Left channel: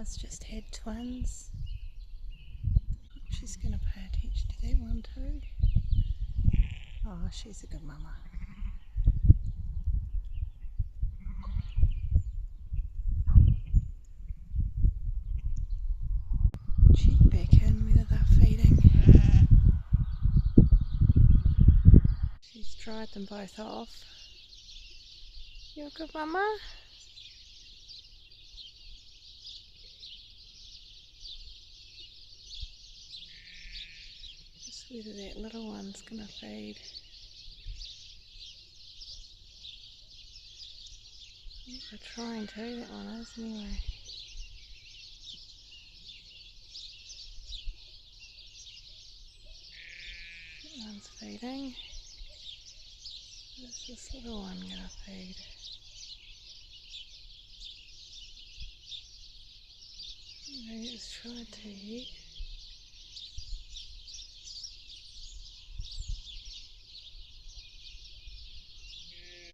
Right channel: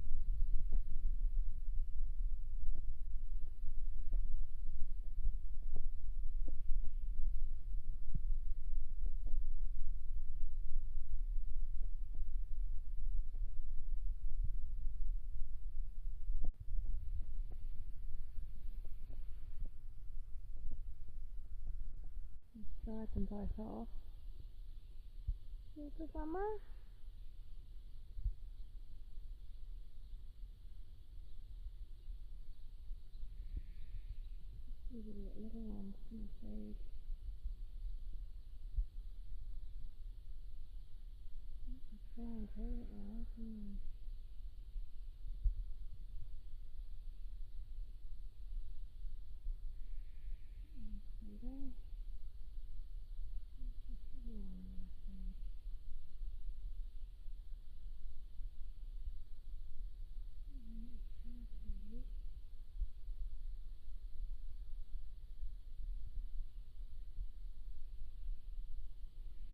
mama's just had twins. She's going to pay attention to that one too. Oh, she's a good mama. Check back in whether they're feeding. She's dried them both off. You're a good mama? Just whether that little one's going to feed. They're trying to, that one is anyway. That one's feeding. Where's this little one going to feed? Maybe it's tried to yet.